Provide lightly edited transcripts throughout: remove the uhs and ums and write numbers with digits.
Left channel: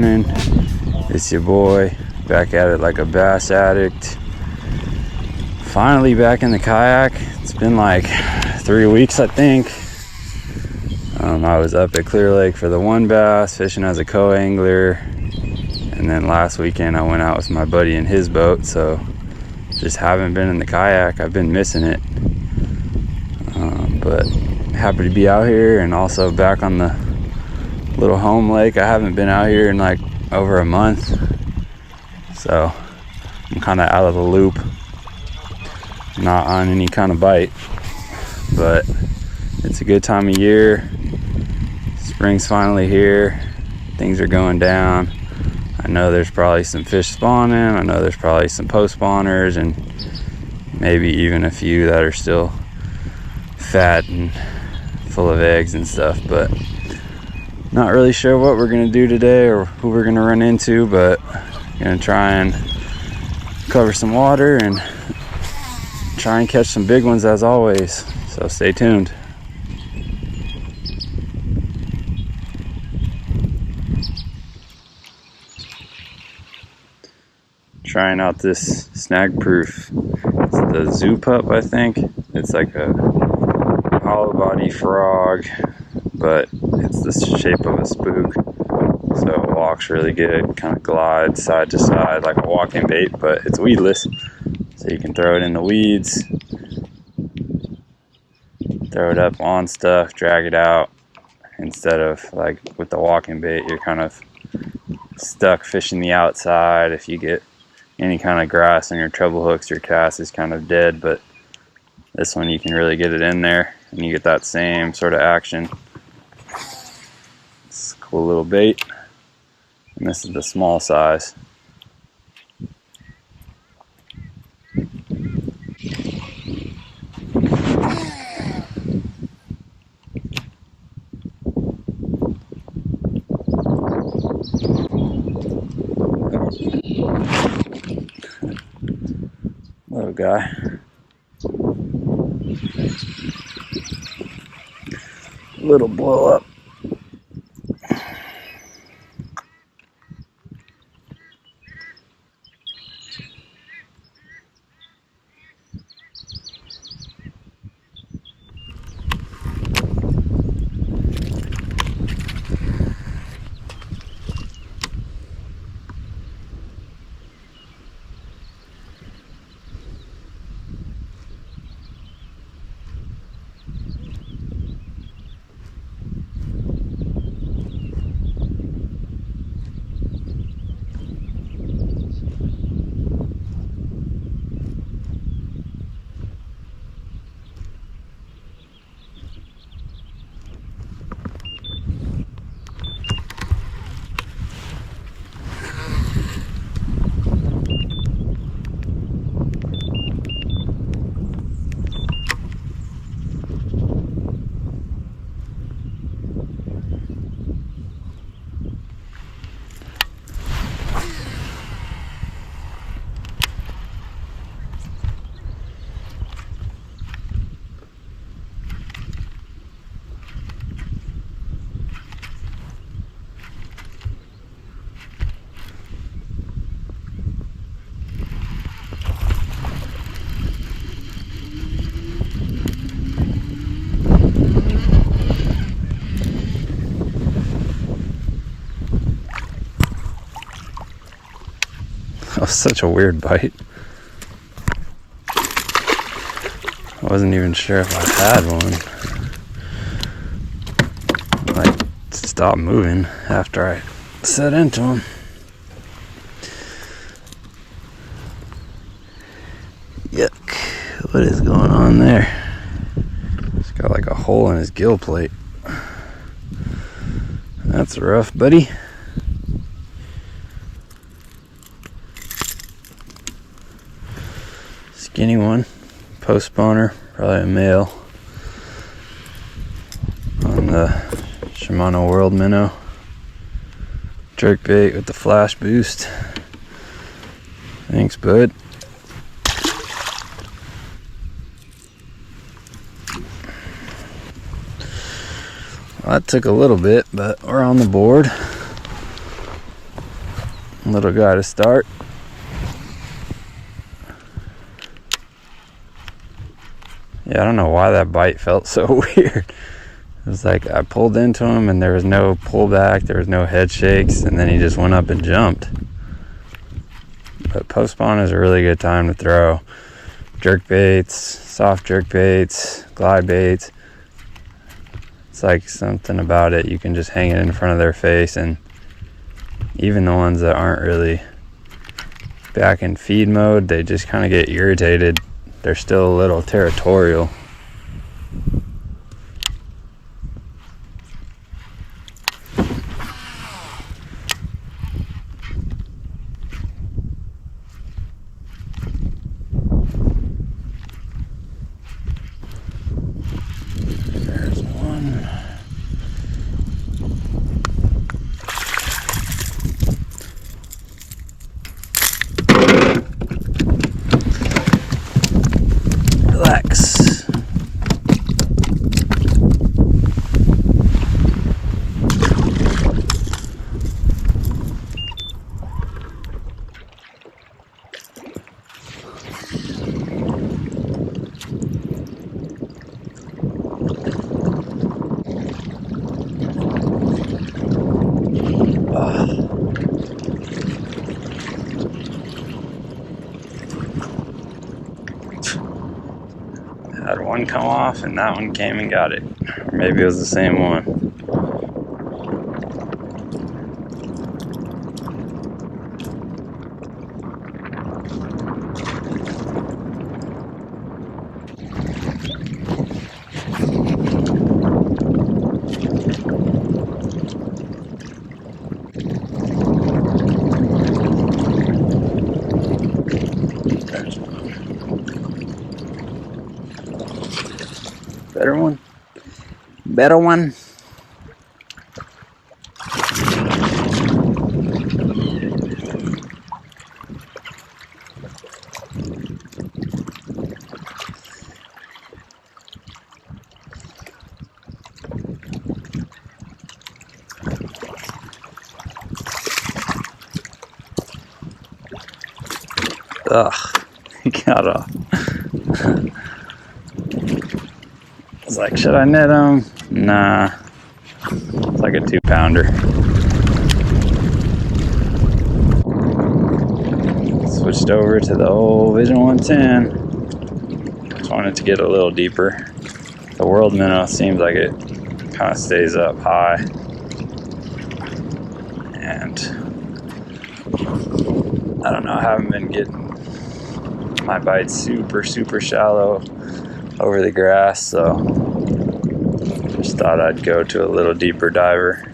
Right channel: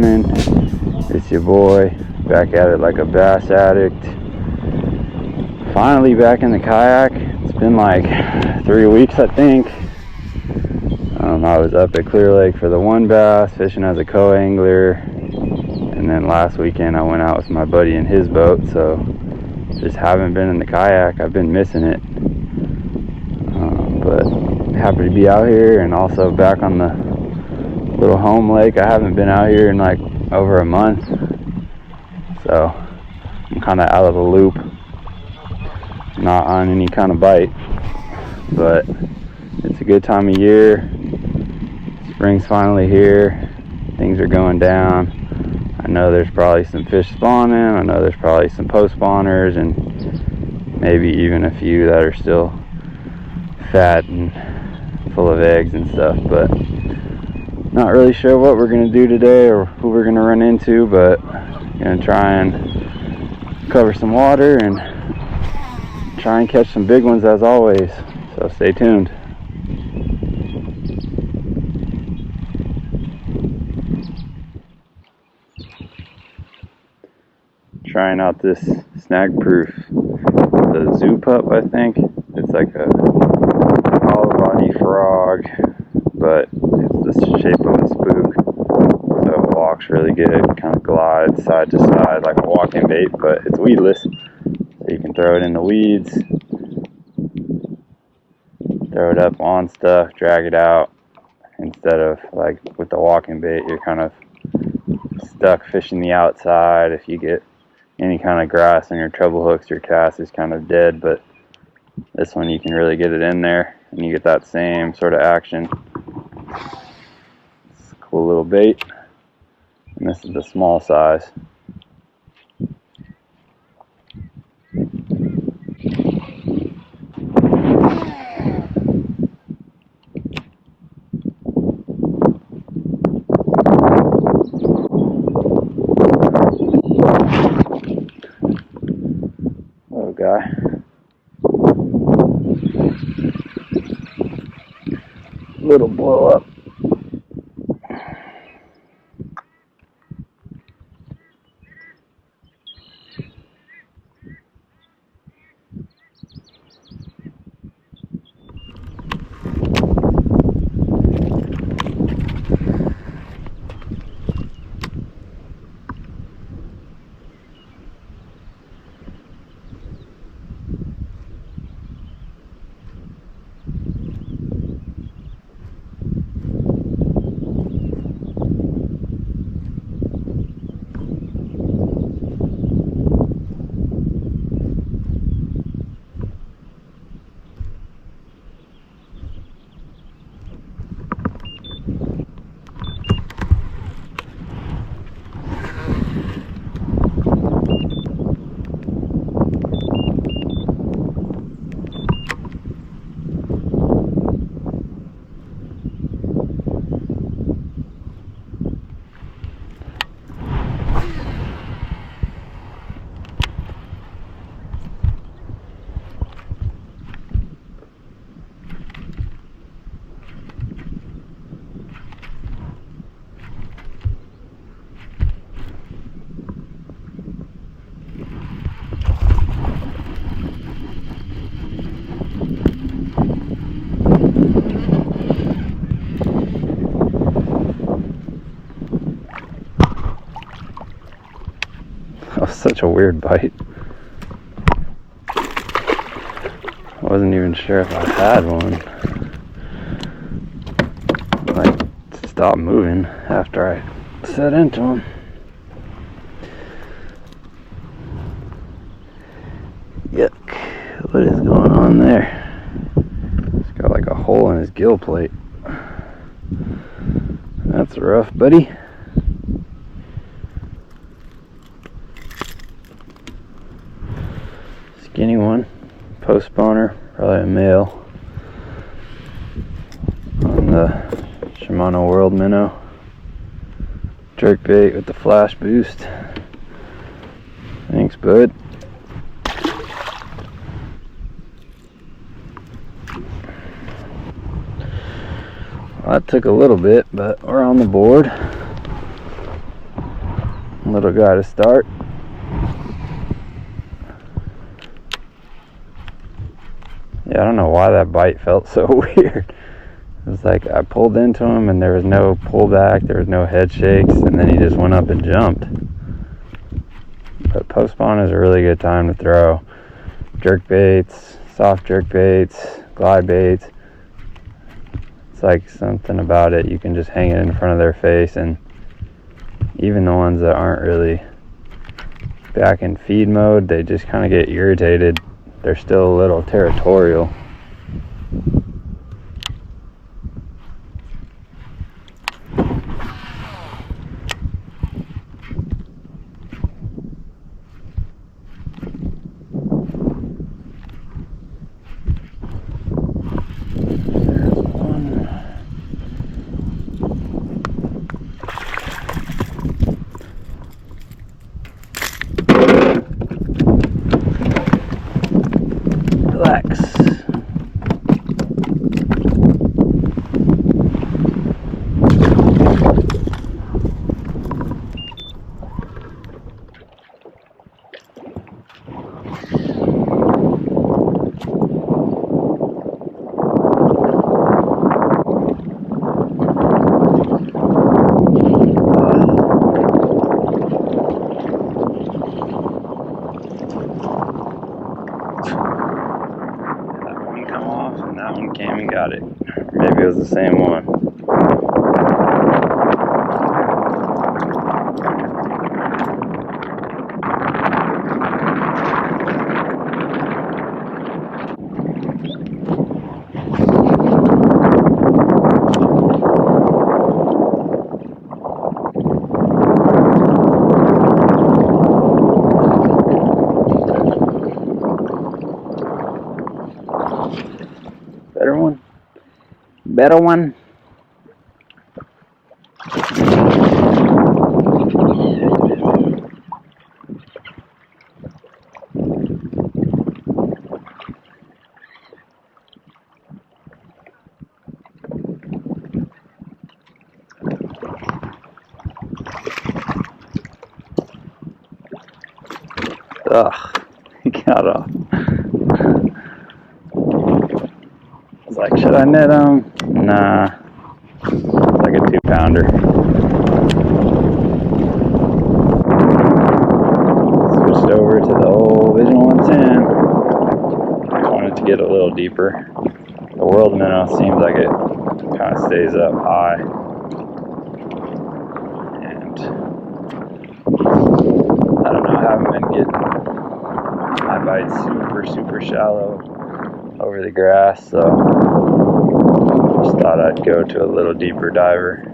morning. It's your boy, back at it like a bass addict. Finally back in the kayak. It's been like 3 weeks, I think. I was up at Clear Lake for the one bass, fishing as a co-angler. And then last weekend I went out with my buddy in his boat, so just haven't been in the kayak. I've been missing it. But happy to be out here and also back on the little home lake. I haven't been out here in like over a month, so I'm kind of out of the loop, not on any kind of bite, but it's a good time of year. Spring's finally here, things are going down. I know there's probably some fish spawning. I know there's probably some post spawners and maybe even a few that are still fat and full of eggs and stuff, but not really sure what we're gonna do today or who we're gonna run into, but gonna try and cover some water and try and catch some big ones as always, so stay tuned. Trying out this snag proof. It's the Zoo Pup, I think. It's like a hollow body frog, but it's the shape of a spook, so it walks really good, kind of glides side to side like a walking bait, but it's weedless, so you can throw it in the weeds, throw it up on stuff, drag it out, instead of like with the walking bait you're kind of stuck fishing the outside. If you get any kind of grass on your treble hooks, your cast is kind of dead, but this one you can really get it in there and you get that same sort of action. It's a cool little bait, and this is the small size. Little guy. Little blow up. That was such a weird bite. I wasn't even sure if I had one. Like, stopped moving after I set into him. Yuck. What is going on there? He's got like a hole in his gill plate. That's rough, buddy. Skinny one, post spawner, probably a male, on the Shimano World Minnow. Jerkbait with the flash boost. Thanks, bud. Well, that took a little bit, but we're on the board. Little guy to start. Yeah, I don't know why that bite felt so weird. It was like I pulled into him and there was no pullback, there was no head shakes, and then he just went up and jumped. But post spawn is a really good time to throw jerk baits, soft jerk baits, glide baits. It's like something about it. You can just hang it in front of their face, and even the ones that aren't really back in feed mode, they just kind of get irritated. They're still a little territorial. There's one. Relax. Had one come off and that one came and got it. Or maybe it was the same one. Better one? Better one? Ugh, he got off. I was like, should I net him? Nah. It's like a 2-pounder. Switched over to the old Vision 110. I just wanted to get a little deeper. The World Minnow seems like it kind of stays up high. And I don't know, I haven't been getting my bites super shallow over the grass, so just thought I'd go to a little deeper diver.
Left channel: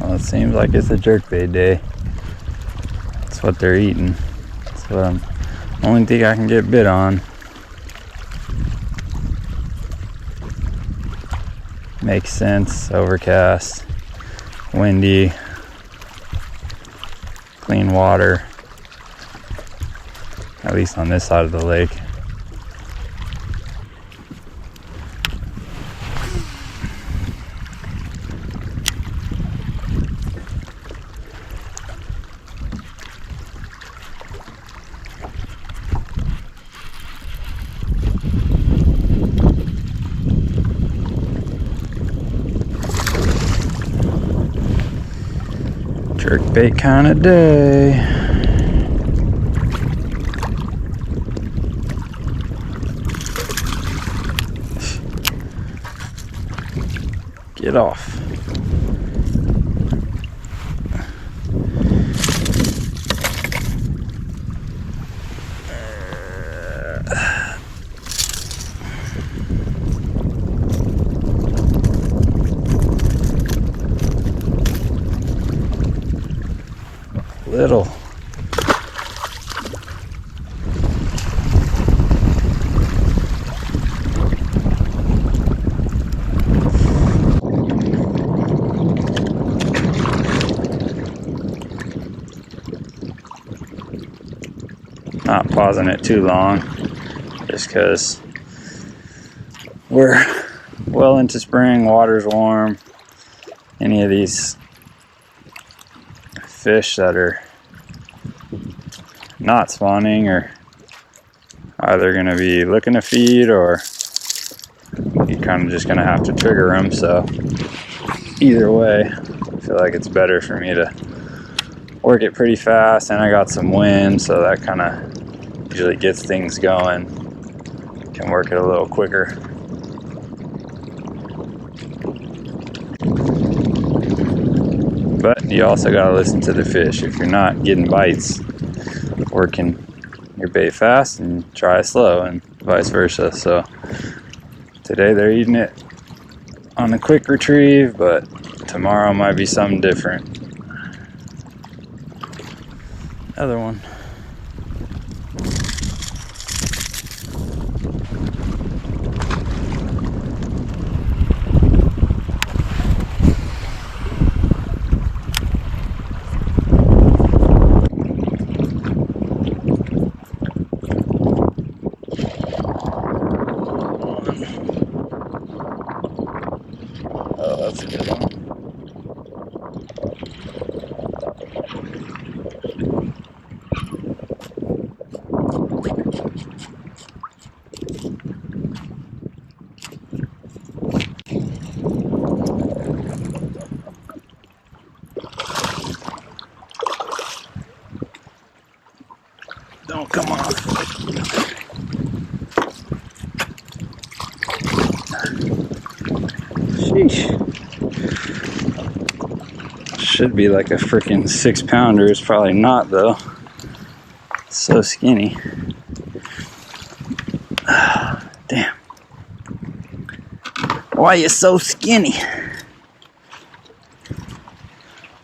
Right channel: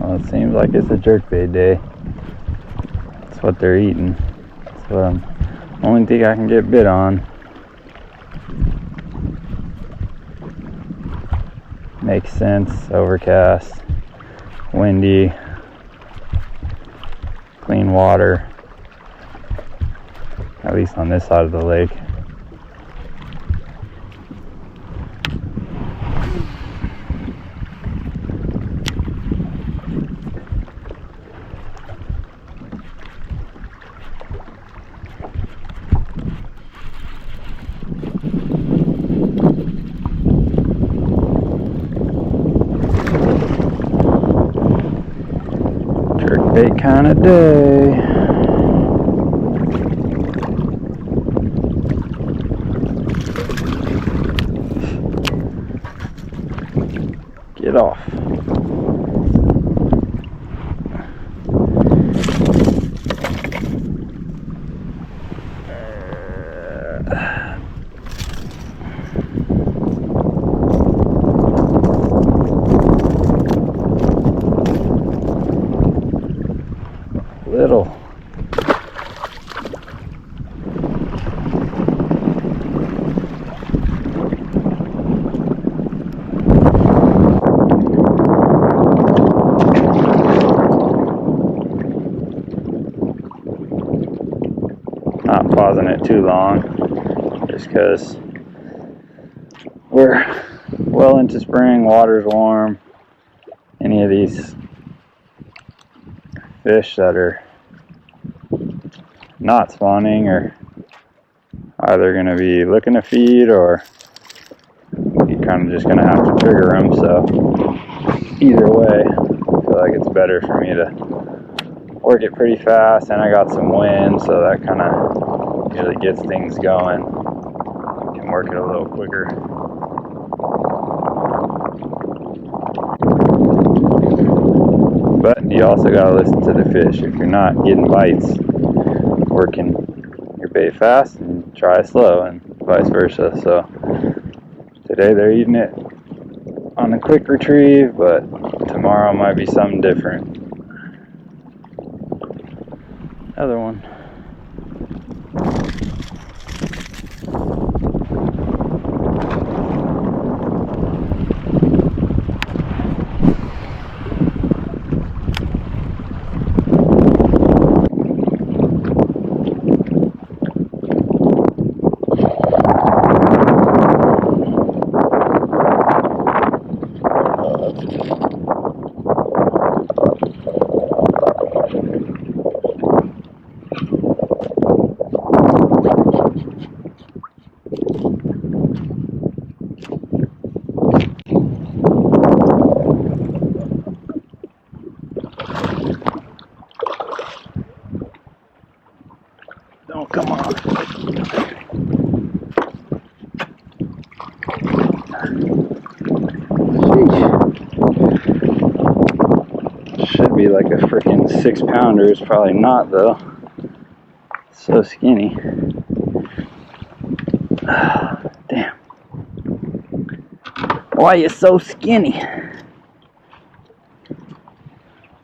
Well, it seems like it's a jerkbait day. That's what they're eating. That's what I'm only thing I can get bit on. Makes sense. Overcast, windy, clean water. At least on this side of the lake. Jerkbait kind of day. Get off. Little. Not pausing it too long, just because we're well into spring, water's warm, any of these fish that are not spawning are either going to be looking to feed, or you're kind of just going to have to trigger them. So either way, I feel like it's better for me to work it pretty fast, and I got some wind, so that kind of usually gets things going. Can work it a little quicker. But you also got to listen to the fish. If you're not getting bites, working your bait fast and try slow, and vice versa. So today they're eating it on a quick retrieve, but tomorrow might be something different. Another one. Don't come off. Sheesh. Should be like a freaking 6-pounder. It's probably not though. It's so skinny. Damn. Why are you so skinny?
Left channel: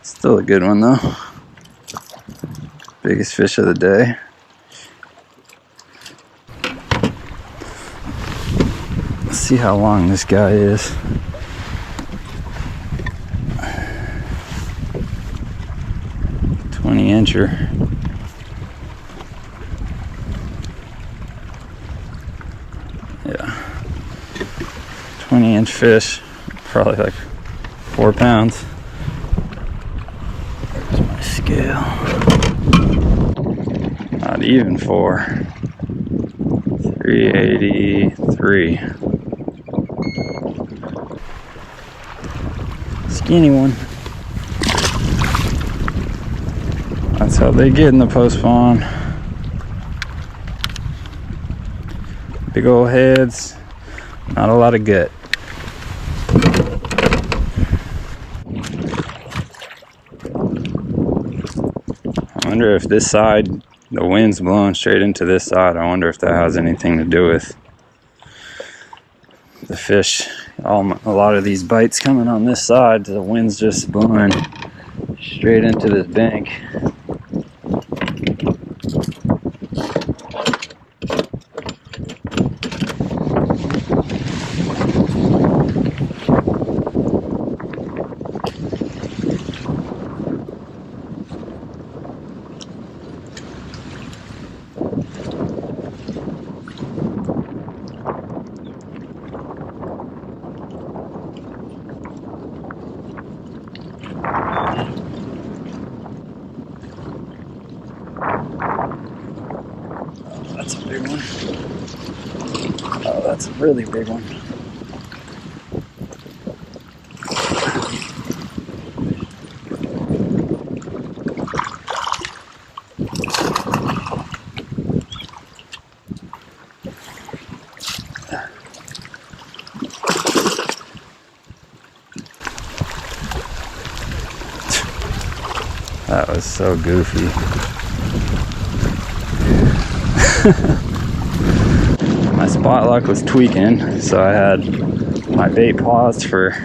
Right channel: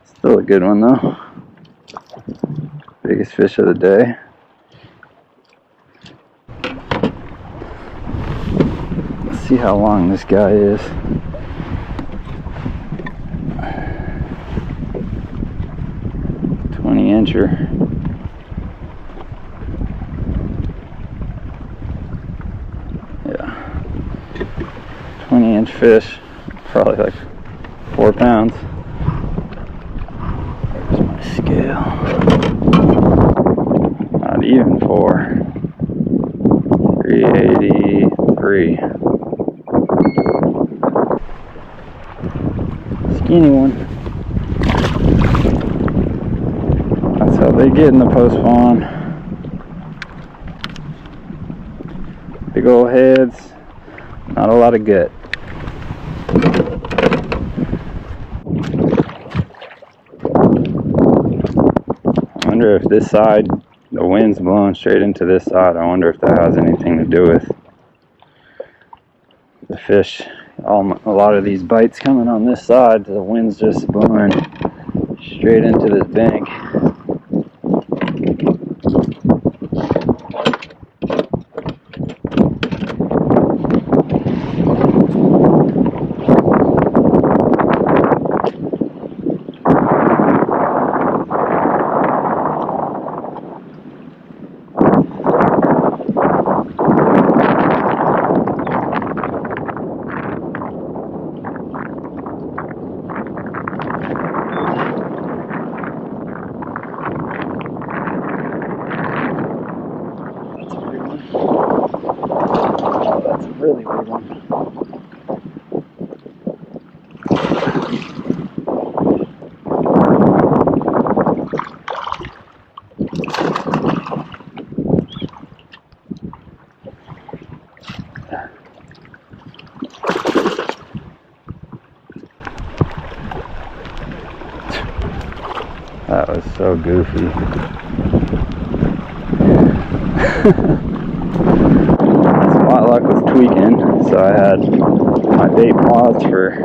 Still a good one though. Biggest fish of the day. Let's see how long this guy is. Incher. Yeah, 20-inch fish, probably like 4 pounds. There's my scale. Not even 4. 383. Skinny one. That's how they get in the post spawn. Big old heads, not a lot of gut. I wonder if this side, the wind's blowing straight into this side. I wonder if that has anything to do with the fish. A lot of these bites coming on this side, the wind's just blowing straight into this bank. That's a really big one. That was so goofy. My spot lock was tweaking, so I had my bait paused for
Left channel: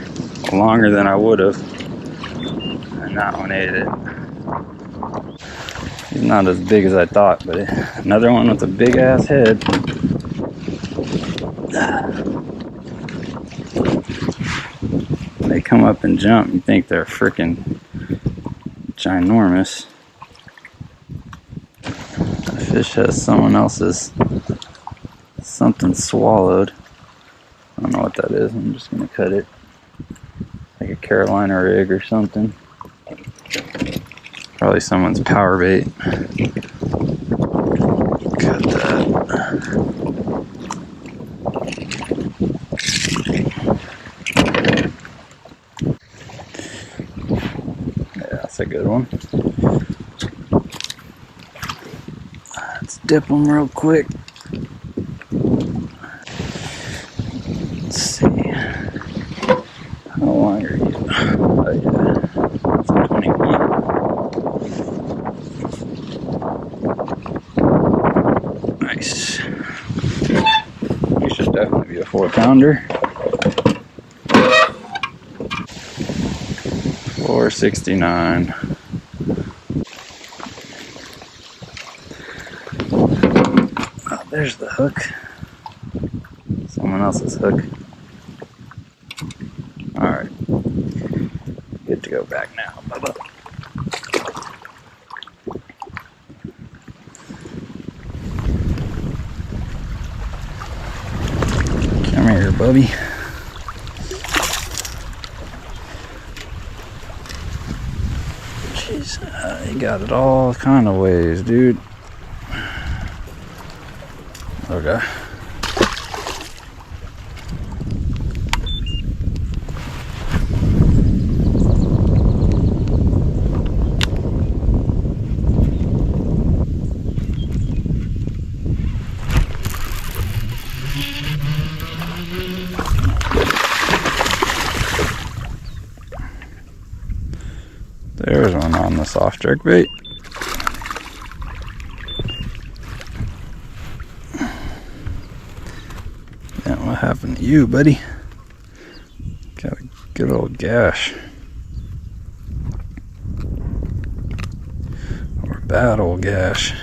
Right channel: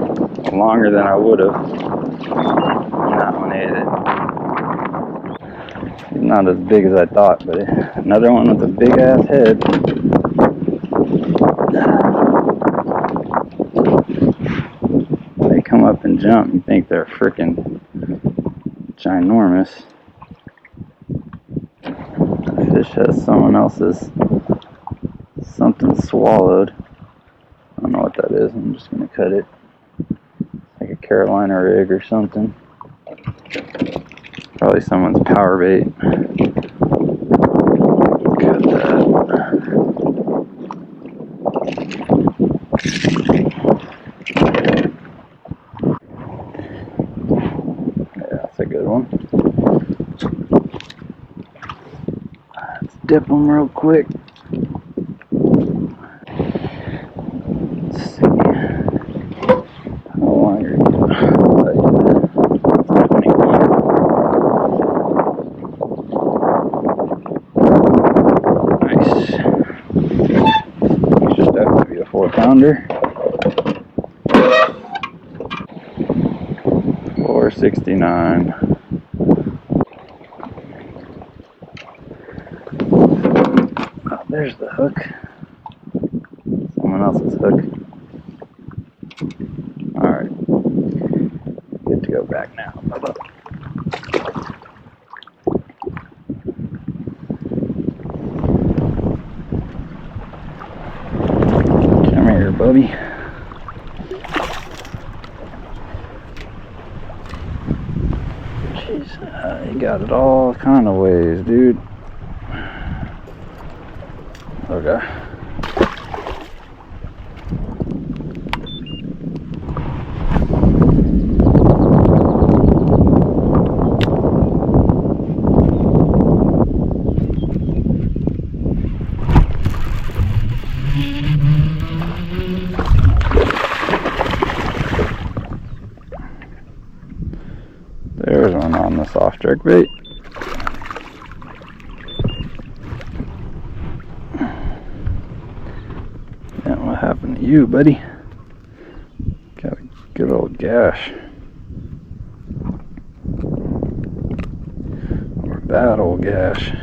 longer than I would have. And that one ate it. He's not as big as I thought, but another one with a big ass head. They come up and jump, you think they're freaking ginormous. The fish has someone else's something swallowed. I don't know what that is. I'm just gonna cut it like a Carolina rig or something. Probably someone's power bait. Cut that. Yeah, that's a good one. Let's dip them real quick. Let's see. How long are you? Oh, yeah. It's 20 feet. Nice. You should definitely be a 4-pounder. 469. Oh, there's the hook. Someone else's hook. Alright. Good to go back now. Bye-bye. Come here, Bubby. Jeez, you got it all kind of ways, dude. Okay. There's one on the soft jerkbait. Yeah, what happened to you, buddy? Got a good old gash. Or a bad old gash.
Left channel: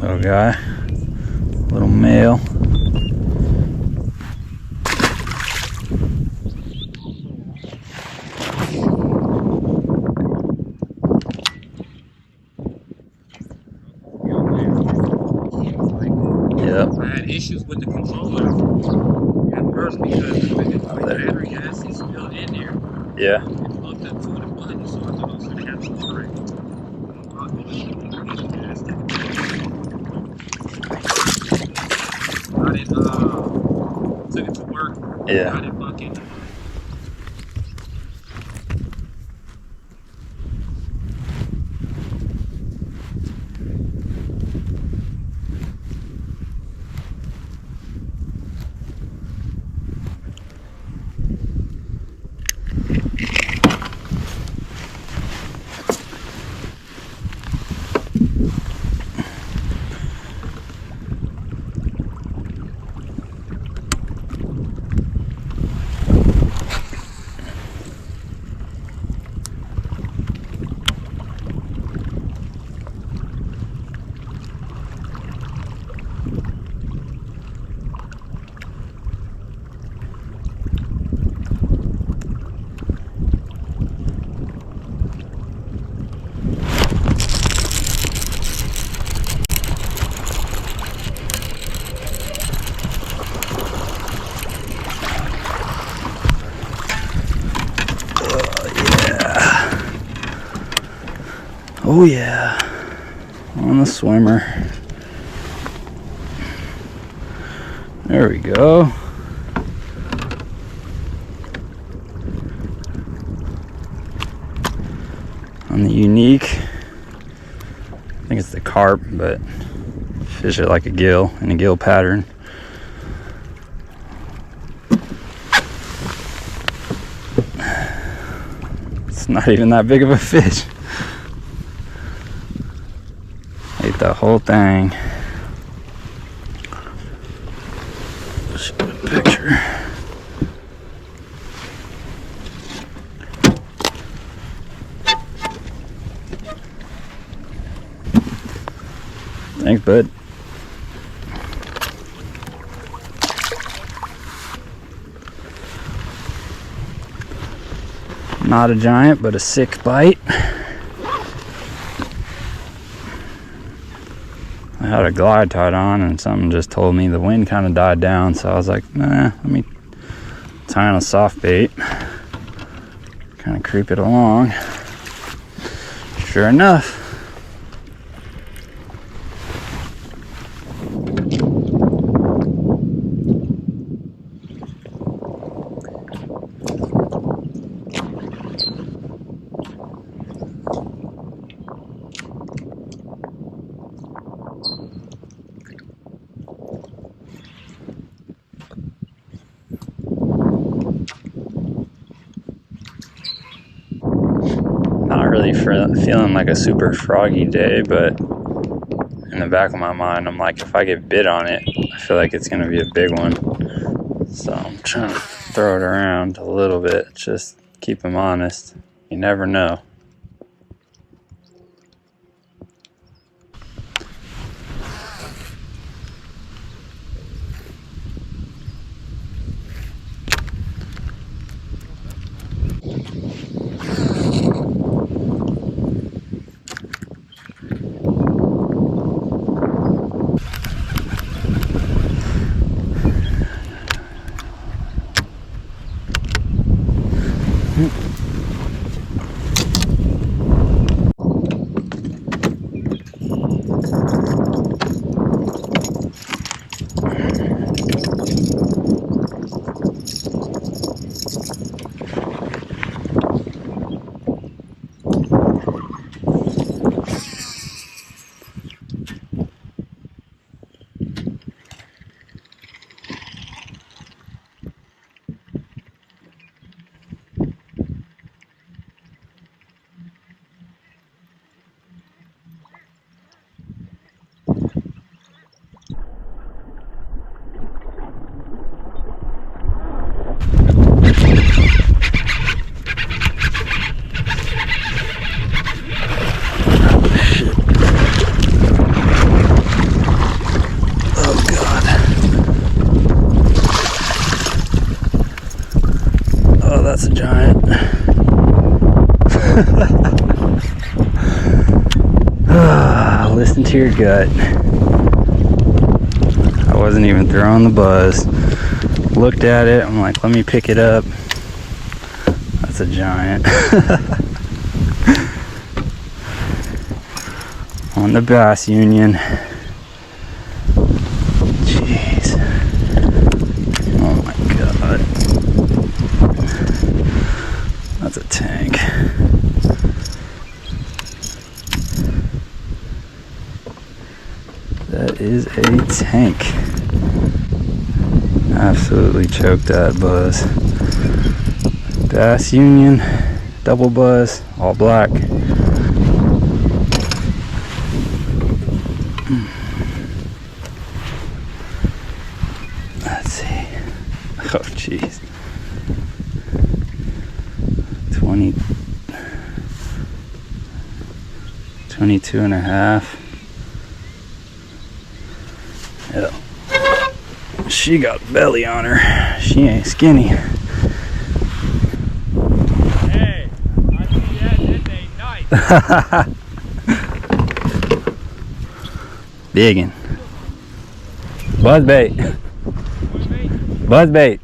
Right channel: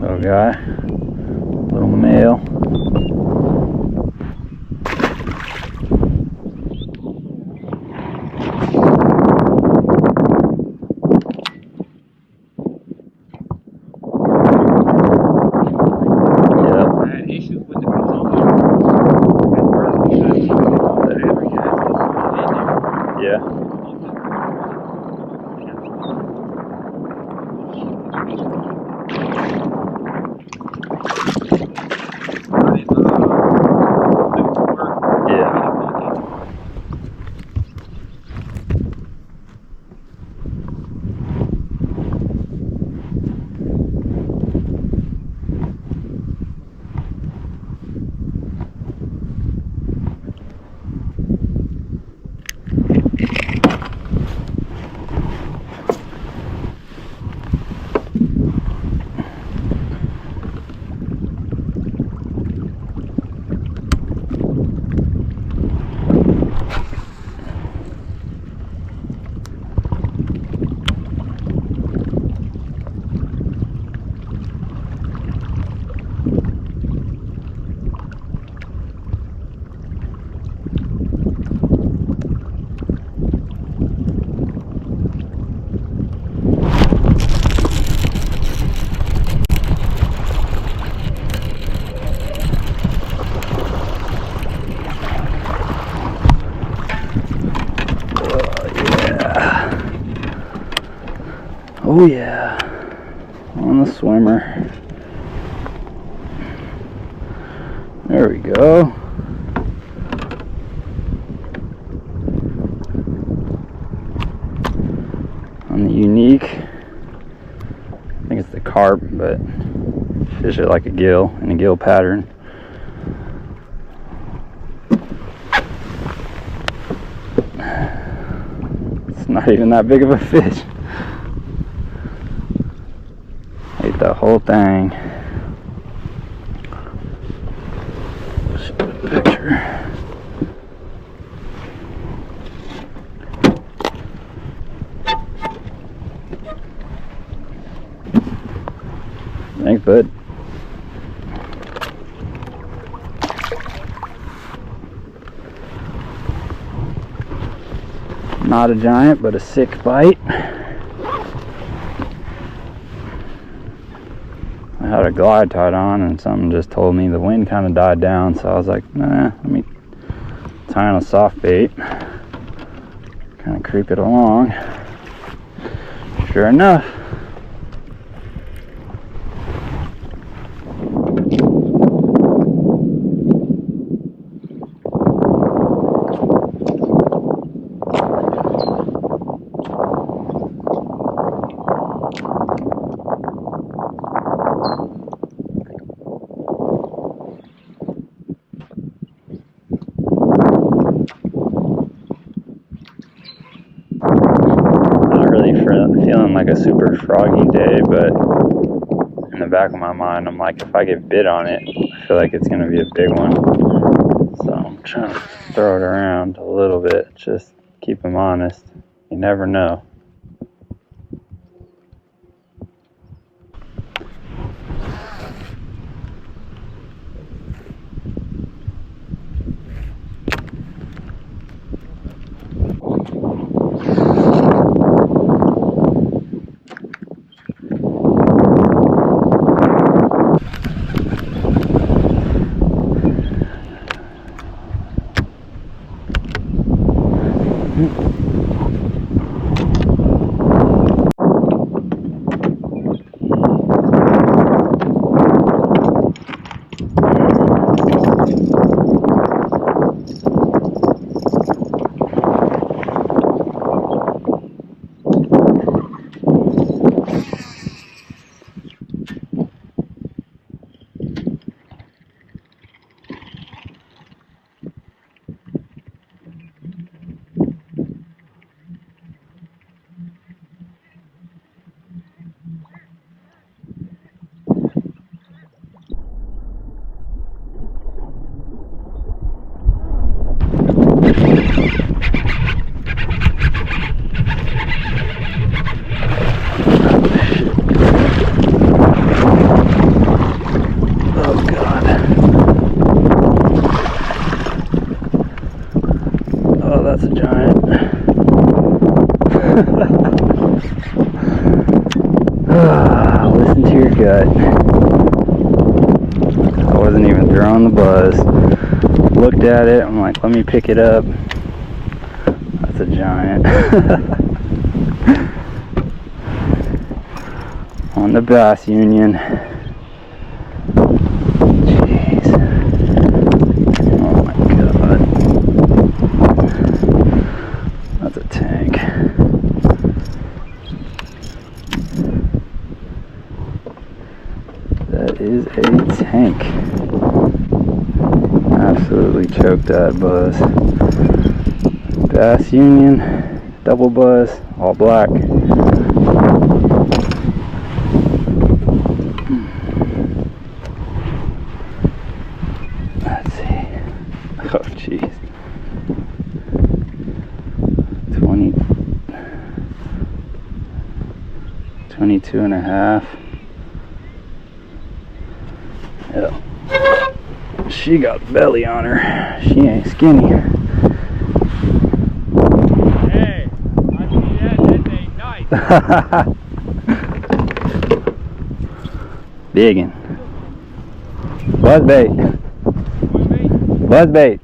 Little guy. Little male. Issues with the controller at first because the battery gas is not in there. Yeah. It's plugged up to the button, so it doesn't capture the brake. I took it to work. Yeah. Oh yeah, on the swimmer. There we go. On the Yunique. I think it's the carp, but fish it like a gill in a gill pattern. It's not even that big of a fish. Ate the whole thing. Let's get a picture. Thanks, bud. Not a giant, but a sick bite. I had a glide tied on and something just told me the wind kind of died down, so I was like, nah, let me tie on a soft bait, kind of creep it along. Sure enough, feeling like a super froggy day, but in the back of my mind I'm like, if I get bit on it, I feel like it's going to be a big one, so I'm trying to throw it around a little bit, just keep them honest. You never know. That's a giant. Listen to your gut. I wasn't even throwing the buzz. Looked at it, I'm like, let me pick it up. That's a giant. On the Bass Union. Jeez. Oh my god. That's a tank. That is a tank. Absolutely choked that buzz. Bass Union, double buzz, all black. Let's see. Oh jeez. 22 and a half. Yeah. She got belly on her. She ain't skinny. Hey, I see that. That's a nice. Biggin. Buzzbait. Buzzbait.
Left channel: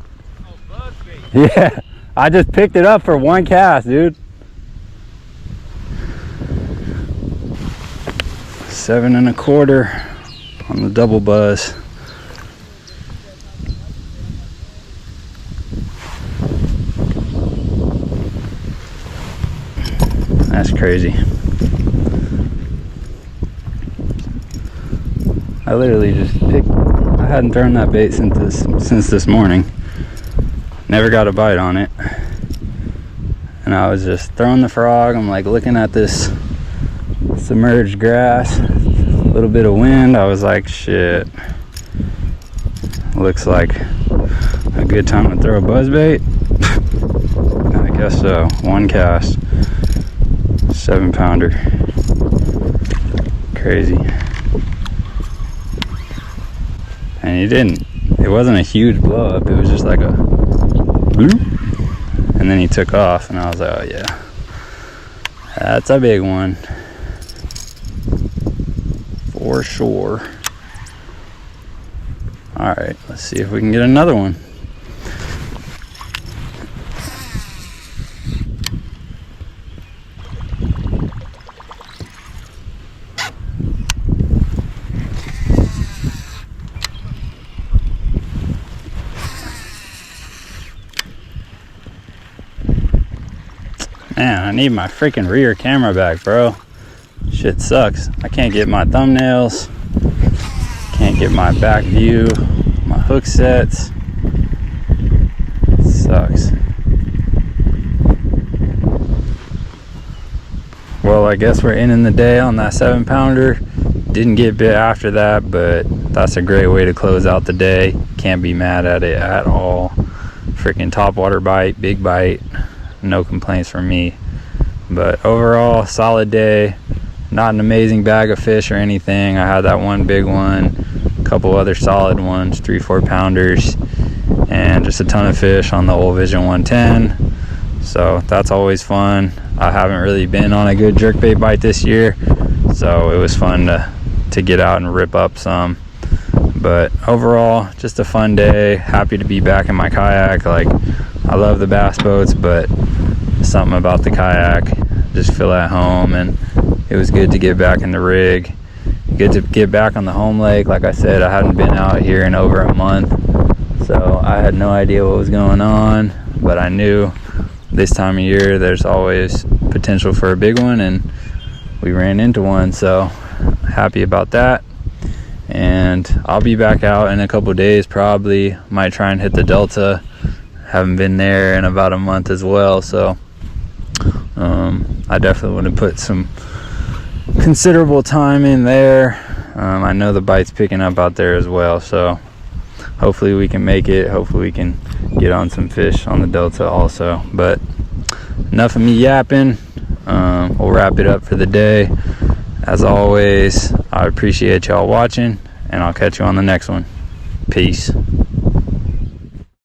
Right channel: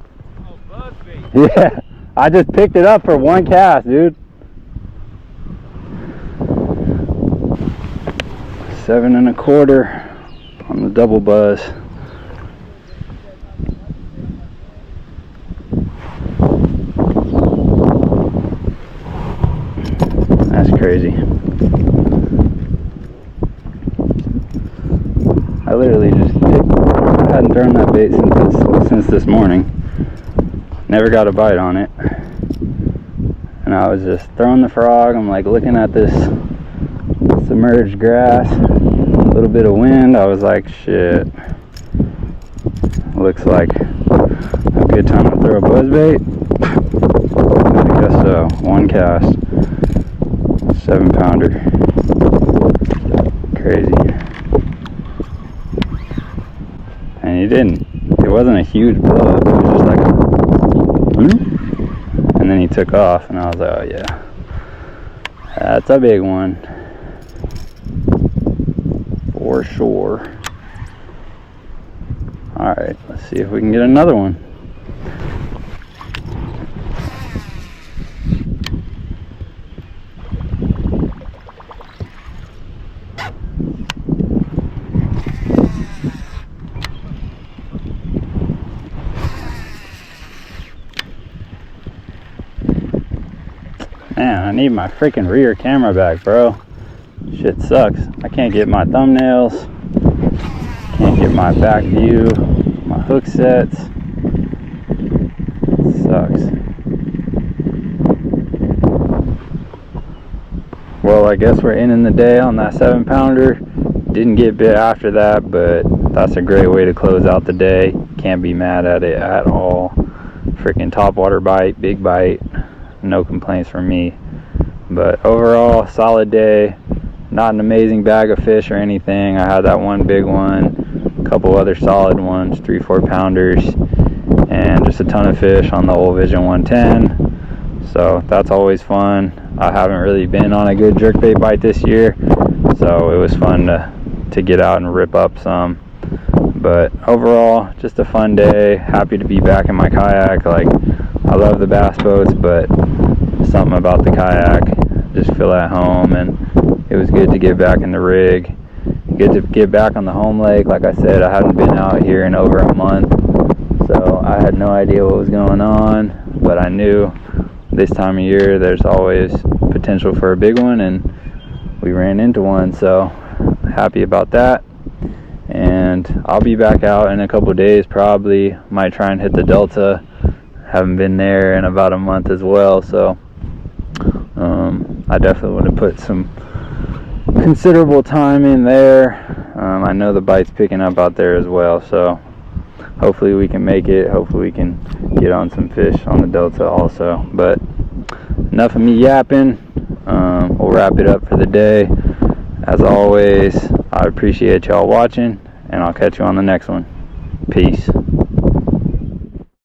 Oh, buzzbait. Yeah. I just picked it up for one cast, dude. 7 1/4 on the double buzz. That's crazy. I literally just picked, I hadn't thrown that bait since this morning. Never got a bite on it. And I was just throwing the frog. I'm like looking at this submerged grass, a little bit of wind. I was like, shit, looks like a good time to throw a buzzbait. I guess so. One cast, 7-pounder. Crazy. And he didn't, it wasn't a huge blow up, it was just like a bloop, and then he took off, and I was like, oh yeah, that's a big one. 4 for sure. All right, let's see if we can get another one. Man, I need my freaking rear camera back, bro. Shit sucks. I can't get my thumbnails. Can't get my back view. My hook sets. Sucks. Well, I guess we're ending the day on that 7-pounder. Didn't get bit after that, but that's a great way to close out the day. Can't be mad at it at all. Freaking topwater bite, big bite. No complaints from me. But overall, solid day. Not an amazing bag of fish or anything. I had that one big one, a couple other solid ones, 3-4 pounders, and just a ton of fish on the Old Vision 110. So that's always fun. I haven't really been on a good jerkbait bite this year, so it was fun to get out and rip up some. But overall, just a fun day. Happy to be back in my kayak. Like, I love the bass boats, but something about the kayak, just feel at home, and it was good to get back in the rig. Good to get back on the home lake. Like I said, I hadn't been out here in over a month, so I had no idea what was going on, but I knew this time of year there's always potential for a big one, and we ran into one, so happy about that. And I'll be back out in a couple days, probably. Might try and hit the Delta. Haven't been there in about a month as well, so I definitely want to put some considerable time in there. I know the bite's picking up out there as well, so hopefully we can make it. Hopefully we can get on some fish on the Delta also. But enough of me yapping. We'll wrap it up for the day. As always, I appreciate y'all watching, and I'll catch you on the next one. Peace.